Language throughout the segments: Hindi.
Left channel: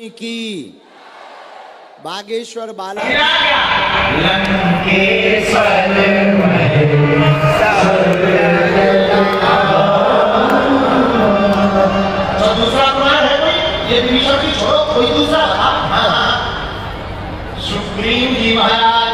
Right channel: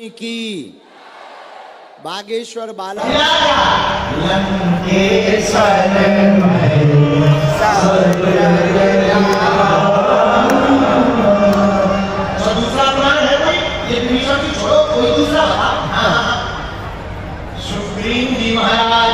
की बागेश्वर बाला दूसरा प्रमाण है कोई? ये विभीषण की छोड़ो, कोई दूसरा बता। सुग्रीव जी महाराज,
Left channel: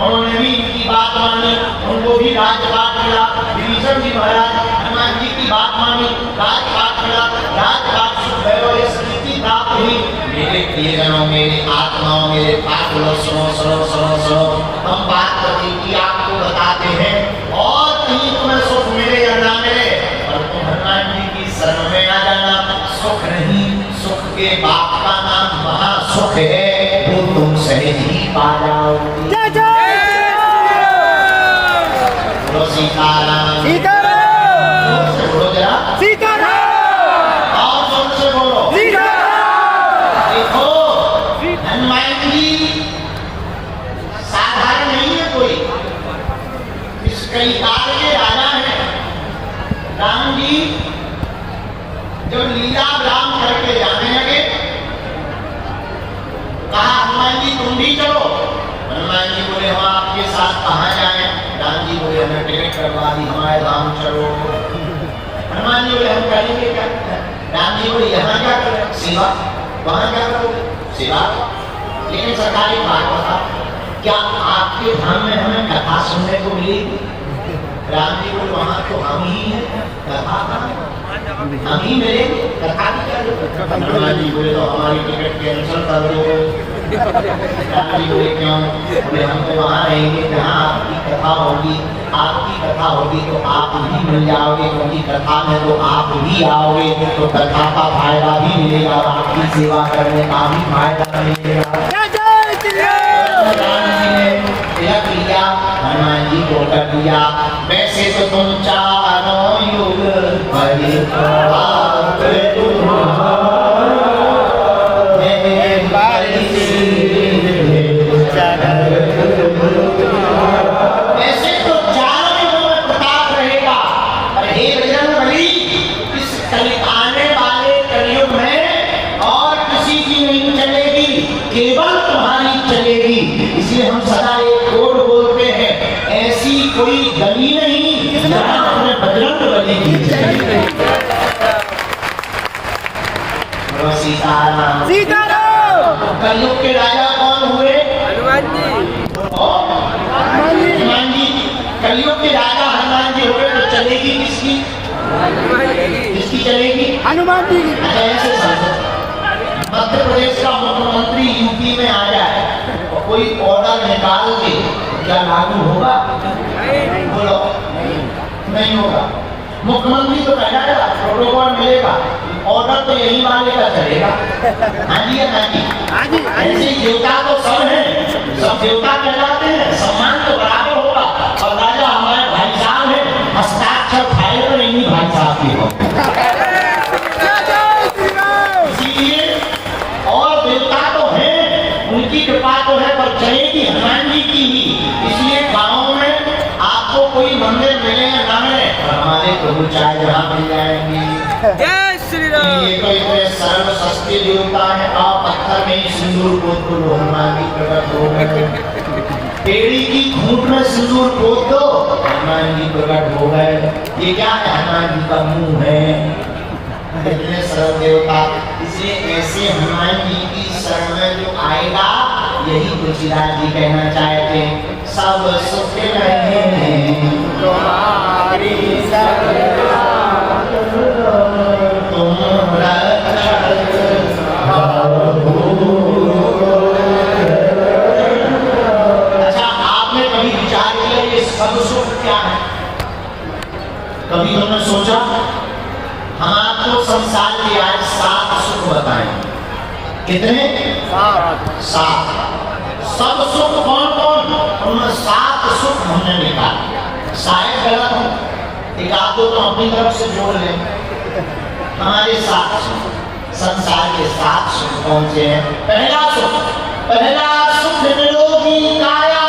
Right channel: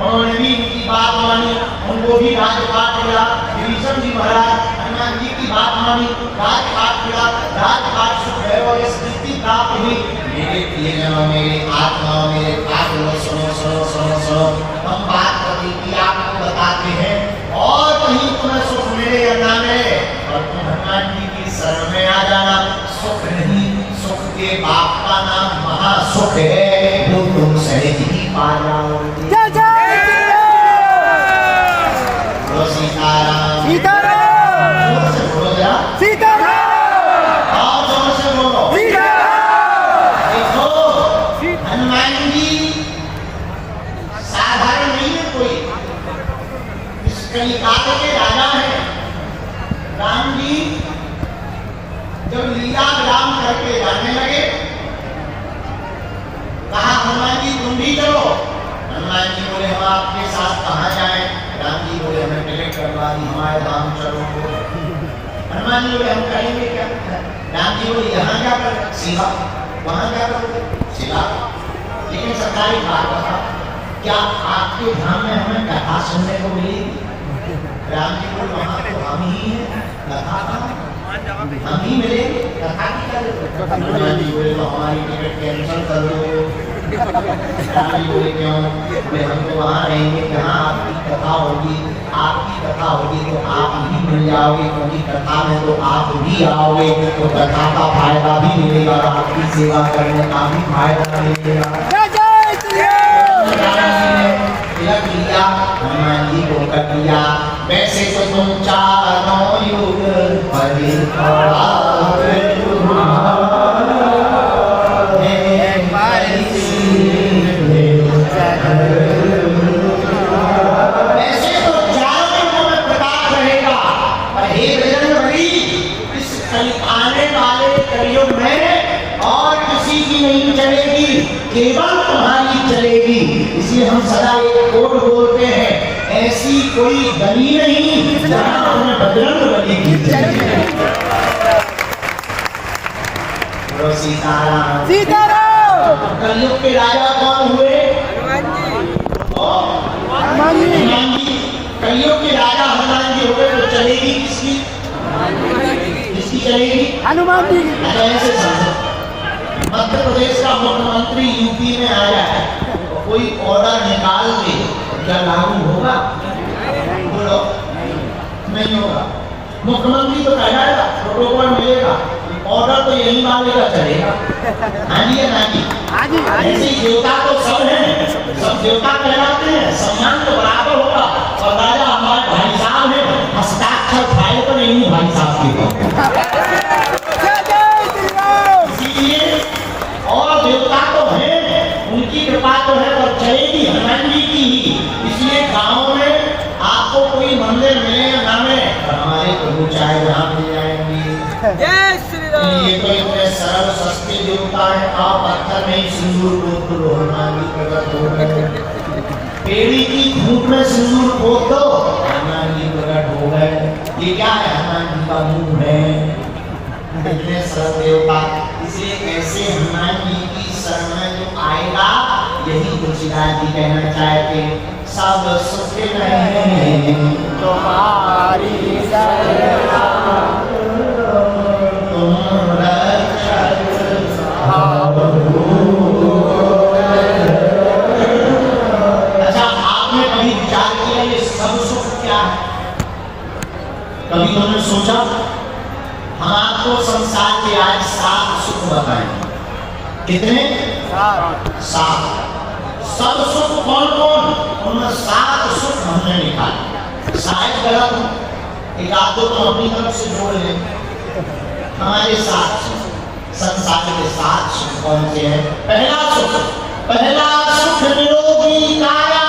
उन्होंने भी इनकी बात मानी, उनको भी राजपाट मिला। विभीषण जी महाराज हनुमान जी की बात मानी, राजपाट मिला, राजपाट सुख भैरव ये स्थिति प्राप्त हुई। मेरे प्रियजनों, मेरे आत्माओं, मेरे पागलों, सुनो सुनो सुनो सुनो, हम बात कभी की आपको बताते हैं और कहीं तुम्हें सुख मिले या ना मिले, और तुम हनुमान जी की शरण में आ जाना। सुख नहीं, सुख के बाप का नाम महासुख है, वो तुम सहज ही पा जाओगे। सीताराम सीताराम, जोर से बोलो जरा, सीताराम, और जोर से बोलो, सीताराम। देखो हनुमान जी साधारण नहीं है कोई, इस कई काल के राजा हैं। राम जी जब लीला विराम करके जाने लगे, कहा हनुमान जी तुम भी चलो। हनुमान जी बोले हम आपके साथ कहाँ जाएं? राम जी बोले हमें टिकट करवा दी, हमारे धाम चलो। हनुमान जी बोले हम करेंगे क्या? राम जी बोले यहाँ क्या करो? सेवा। वहाँ क्या करोगे? सेवा। लेकिन सरकारी बात बता, क्या आपके धाम में हमें कथा सुनने को मिलेगी? राम जी बोले वहाँ तो हम ही हैं, कथा हम ही मिलेंगे, कथा की क्या जरूरत? हनुमान जी बोले तो हमारी टिकट कैंसिल कर दो। राम जी बोले क्यों? बोले हम तो वहाँ रहेंगे जहाँ आपकी कथा होगी, आपकी कथा होगी तो आप ही मिल जाओगे, क्योंकि कथा में तो आप भी आओगे, तो कथा का फायदा भी मिलेगा और आपकी सेवा करने का भी फायदा मिलेगा। तिलक लिया, हनुमान जी को कर दिया। वैसे तो तुम चारों युग केवल तुम्हारी चलेगी। इसलिए हम सदा एक कोड बोलते हैं, ऐसी कोई गली नहीं जहाँ तुम्हें बजरंग बली की चलेगी। सीताराम सीताराम। कलयुग के राजा कौन हुए? हनुमान जी। कलयुग के राजा हनुमान जी हुए, तो चलेगी किसकी? किसकी चलेगी? हनुमान जी की। ऐसे समझो, मध्य प्रदेश का मुख्यमंत्री यूपी में आ जाए और कोई ऑर्डर निकाल के, क्या लागू होगा? बोलो, नहीं होगा। मुख्यमंत्री तो कहना प्रोटोकॉल मिलेगा, ऑर्डर तो यही मांगेगा, चलेगा। हाँ जी या ना जी? ऐसे देवता तो सब हैं, सब देवता कहलाते हैं, सम्मान तो बराबर होगा। और राजा हमारे भाई साहब हैं, हस्ताक्षर फाइल तो नहीं भाई साहब की हो। और देवता तो हैं, उनकी कृपा तो है, पर चलेगी हनुमान जी की ही। इसलिए गाँव में आपको कोई मंदिर मिले या ना मिले, पर हमारे प्रभु चाहे जहाँ मिल जाएंगे। ये तो इतने सरल सस्ते देवता है, आप पत्थर में सिंदूर पोत दो, हनुमान जी प्रकट हो गए। पेड़ी की खूंट में सिंदूर पोत दो, हनुमान जी प्रकट हो गए। ये क्या है? हनुमान जी का मुंह है। इतने सरल देवता, इसलिए ऐसे हनुमान जी की शरण में जो आएगा, यही तुलसीदास जी कहना चाहते हैं, सब सुख नहीं तुम्हारी शरण, तुम रक्षक अच्छा, आपने कभी विचार किया ये सब सुख क्या है? कभी तुमने सोचा? हम आपको संसार के आज 7 सुख बताएं। कितने? 7। सब सुख कौन कौन? उनमें 7 सुख हमने निकाले। शायद गलत हो, एक आध दो तो अपनी तरफ से जोड़ लें। हमारे 7 सुख, संसार के 7 सुख कौन से हैं? पहला सुख निरोगी काया।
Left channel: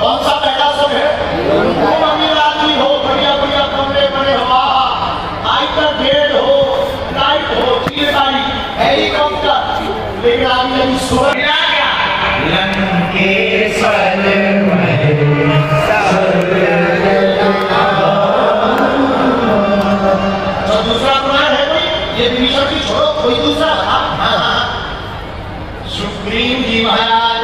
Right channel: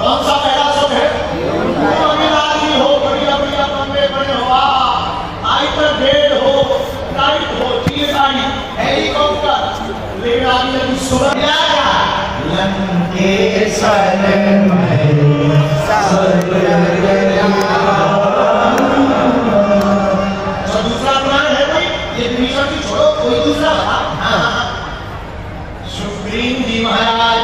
कौन सा पहला सुख है? हो बढ़िया बढ़िया कमरे बने हो, हाइपर बेड हो, लाइट हो, चीज गाड़ी हेलीकॉप्टर, लेकिन अभी सुबह क्या क्या लंकेश्वर तो दूसरा पुराण है कोई, ये विभीषण की छोड़ो, कोई दूसरा बता। हाँ, सुग्रीव जी महाराज,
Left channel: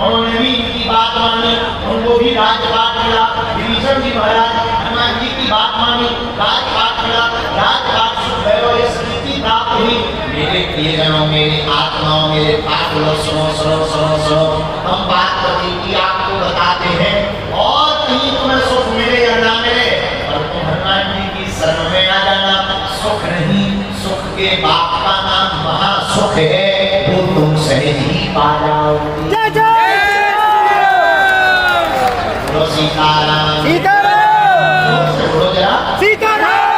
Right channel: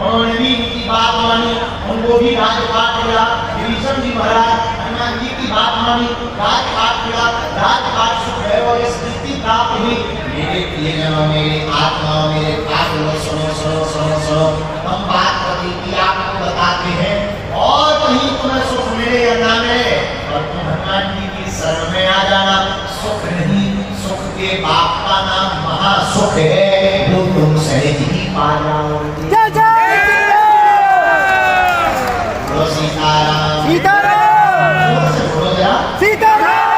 उन्होंने भी इनकी बात मानी, उनको भी राजपाट मिला। विभीषण जी महाराज हनुमान जी की बात मानी, राजपाट मिला, राजपाट सुख है और स्थिति प्राप्त हुई। मेरे प्रियजनों, मेरे आत्माओं, मेरे पाप लोग सुनो सुनो सुनो सुनो, हम बात कभी की आपको बताते हैं और कहीं तुम्हें सुख मिले या ना मिले, और तुम हनुमान जी की शरण में आ जाना। सुख नहीं, सुख के बाप का नाम महासुख है, वो तुम सहज ही पा जाओगे। जय जय श्री बोलो सीताराम, सीताराम, जोर से बोलो जरा, सीताराम,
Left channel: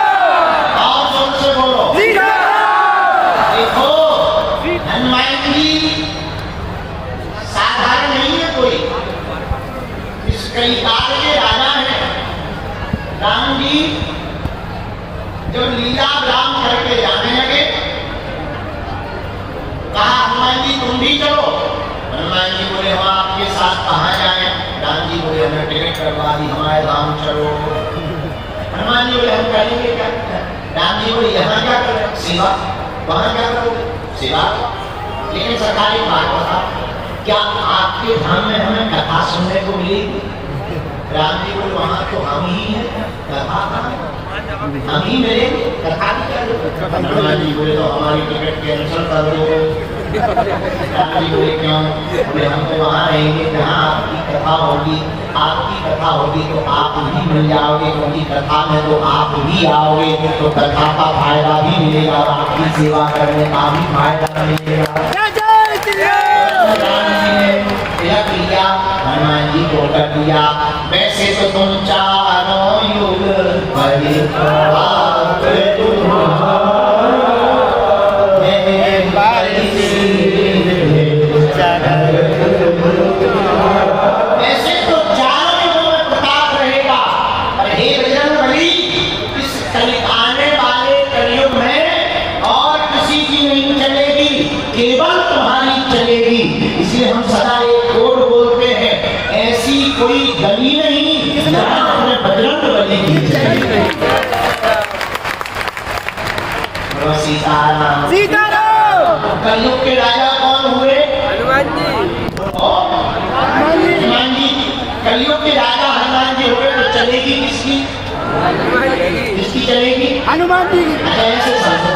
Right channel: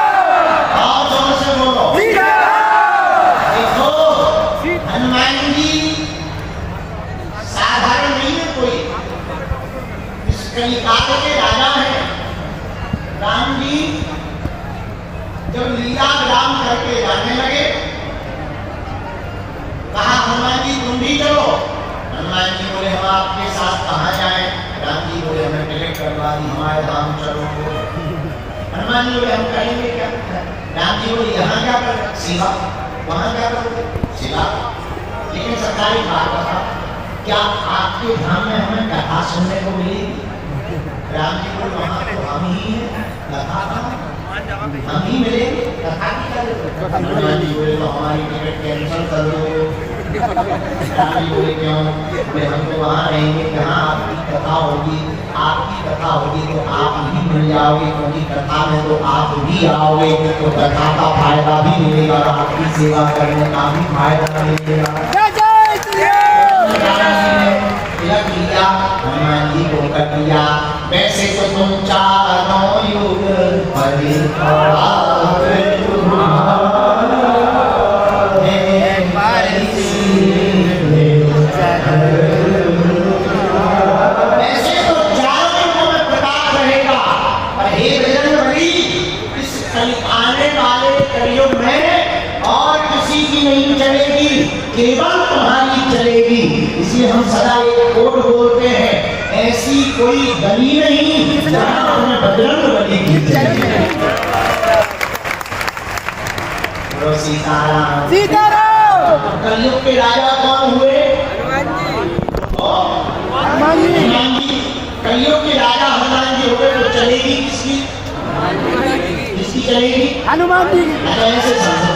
और जोर से बोलो सीताराम। देखो हनुमान जी साधारण नहीं है कोई, इस कई काल के राजा हैं। राम जी जब लीला विराम करके जाने लगे, कहा हनुमान जी तुम भी चलो। हनुमान जी बोले हम आपके साथ कहाँ जाएं? राम जी बोले हमें टिकट करवा दी, हमारे धाम चलो। हनुमान जी बोले हम करेंगे क्या? राम जी बोले यहाँ क्या करो? सेवा। वहाँ क्या करोगे? सेवा। लेकिन सरकारी बात बता, क्या आपके धाम में हमें कथा सुनने को मिलेगी? राम जी बोले वहाँ तो हम ही हैं, कथा कहाँ? हम ही मिलेंगे, कथा की क्या जरूरत? हनुमान जी बोले तो हमारी टिकट कैंसिल कर दो। राम जी बोले क्यों? बोले हम तो वहाँ रहेंगे जहाँ आपकी कथा होगी, आपकी कथा होगी तो आप भी मिल जाओगे, क्योंकि कथा में तो आप भी आओगे, तो कथा का फायदा भी मिलेगा और आपकी सेवा करने का भी फायदा मिलेगा। जय जय श्री राम। राम जी ने तिलक लिया, हनुमान जी को कर दिया। वैसे तो तुम चारों युग केवल तुम्हारी चलेगी। इसलिए हम सदा एक कोड बोलते हैं, ऐसी कोई गली नहीं जहाँ तुम्हें बजरंग बली की चलेगी। सीताराम, सीताराम। कलयुग के राजा कौन हुए? हनुमान जी। हनुमान जी। कलयुग के राजा हनुमान जी हुए, तो चलेगी किसकी? किसकी चलेगी? हनुमान जी की। ऐसे समझो,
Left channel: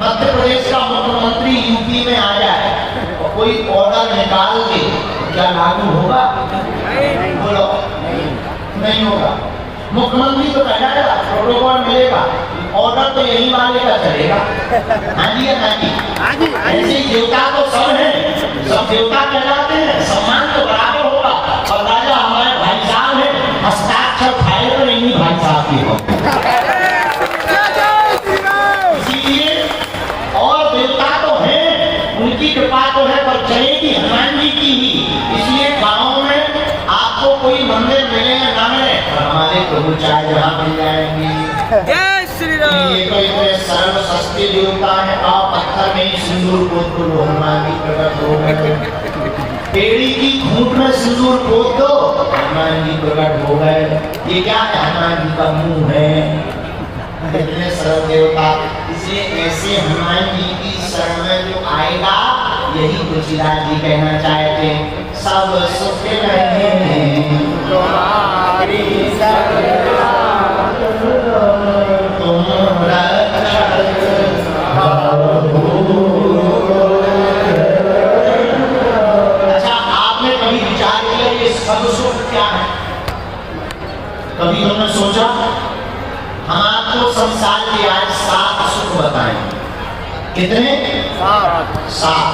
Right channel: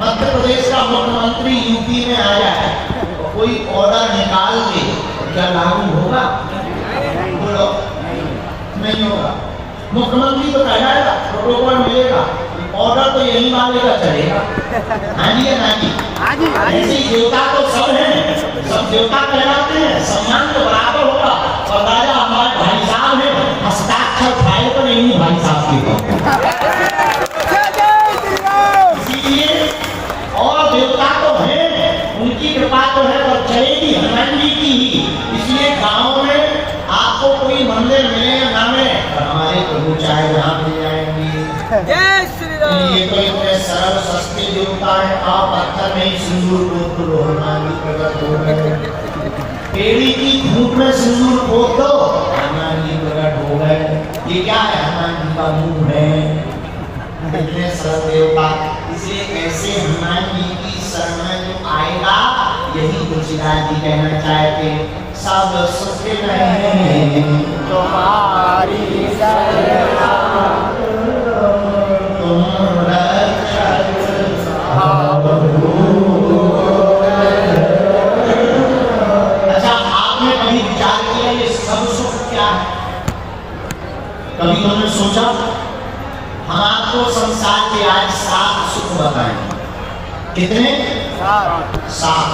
मध्य प्रदेश का मुख्यमंत्री यूपी में आ जाए तो कोई ऑर्डर निकाल के क्या लागू होगा? बोलो, नहीं होगा। मुख्यमंत्री तो कहलाएगा, प्रोटोकॉल मिलेगा, ऑर्डर तो यही मानेगा, चलेगा। हाँ जी, हाँ जी, हाँ जी, हाँ जी। ऐसे देवता तो सब हैं, सब देवता कहलाते हैं, सम्मान तो बराबर होगा। और राजा हमारे भाई साहब हैं, हस्ताक्षर फाइल पर नहीं भाई साहब की हो। इसीलिए और देवता तो हैं, उनकी कृपा तो है, और चलेगी हनुमान जी की ही। इसलिए गाँव में आपको कोई मंदिर मिले या ना मिले, हमारे प्रभु चाहे जहाँ मिल जाएंगे। जय श्री राम। ये तो इतने सरल सस्ते देवता है, आप पत्थर में ही सिंदूर पोत दो, हनुमान जी प्रकट हो गए। पेड़ी की खूंट में सिंदूर पोत दो, हनुमान जी प्रकट हो गए। ये क्या है? हनुमान जी का मुंह है। इतने सरल देवता, इसलिए ऐसे हनुमान जी की शरण में जो आएगा, यही तुलसीदास जी कहना चाहते हैं, सब सुख नहीं तुम्हारी शरण, तुम रक्षक अच्छा, आपने कभी विचार किया ये सब सुख क्या है? कभी तुमने सोचा? हम आपको संसार के आज 7 सुख बताएं। कितने? 7।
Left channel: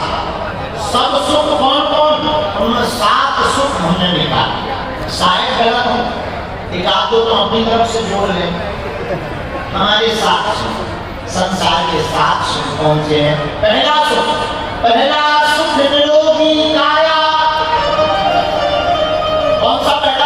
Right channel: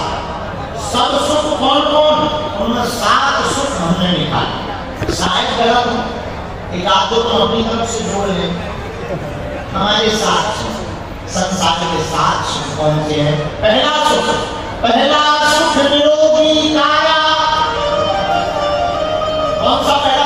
सब सुख कौन कौन? उनमें 7 सुख हमने निकाले। शायद गलत हो, एक आध दो तो अपनी तरफ से जोड़ लें। हमारे 7 सुख, संसार के 7 सुख कौन से हैं? पहला सुख निरोगी काया। कौन सा पहला